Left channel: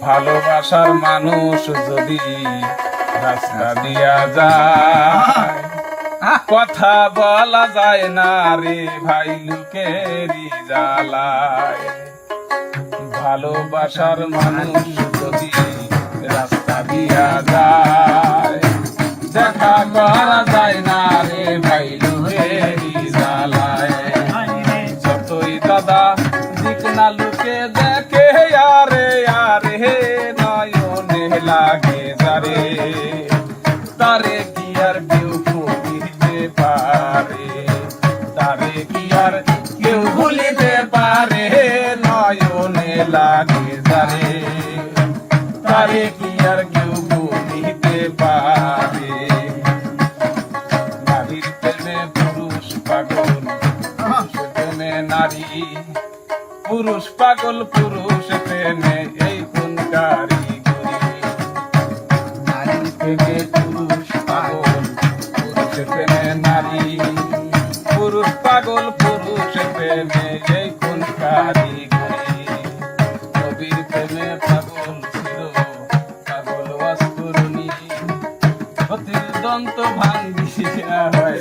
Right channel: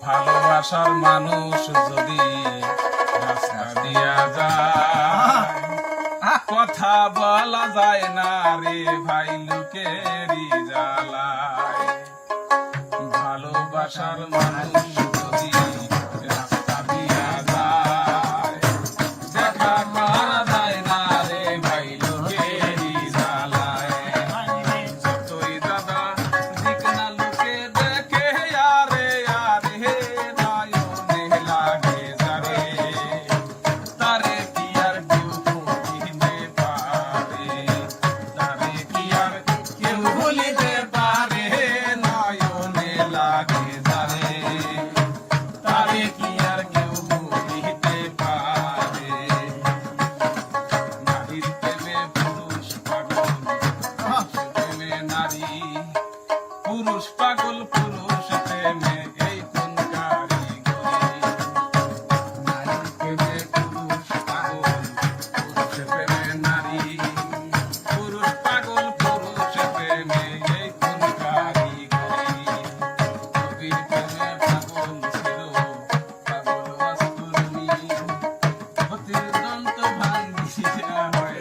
ভালোবাসার মানুষ যদি রাস্তা দিয়া যায়, কথা বলা যায় না রে ভাই লোকেরই জ্বালায়। ভালোবাসার মানুষ যদি রাস্তা দিয়া যায়, দেখা করা যায় না রে ভাই লোকেরই জ্বালায়। যতই দাদা দিক না লুকে দেখে আরে আরে নয়নে লাগে যারে, তারে কি আর কেউ ভুলিতে পারে, তারে কি আর কেউ ভুলিতে পারে, নয়নে লাগে যারে, তারে কি আর কেউ ভুলিতে পারে। নারীর প্রেমে পুরুষ পাগল, পুরুষের প্রেমে নারী, পুরুষ পাগল পুরুষ প্রেমে এই কোন কারিগরি। নারীর প্রেমে পুরুষ পাগল, পুরুষ প্রেমে নারী, পুরুষ পাগল পুরুষ প্রেমে এই কোন কারিগরি। নবীর প্রেমে পাগল ছিল পাগল অস্তুরণী, অতির দন্ত ভাঙ্গিয়া হয়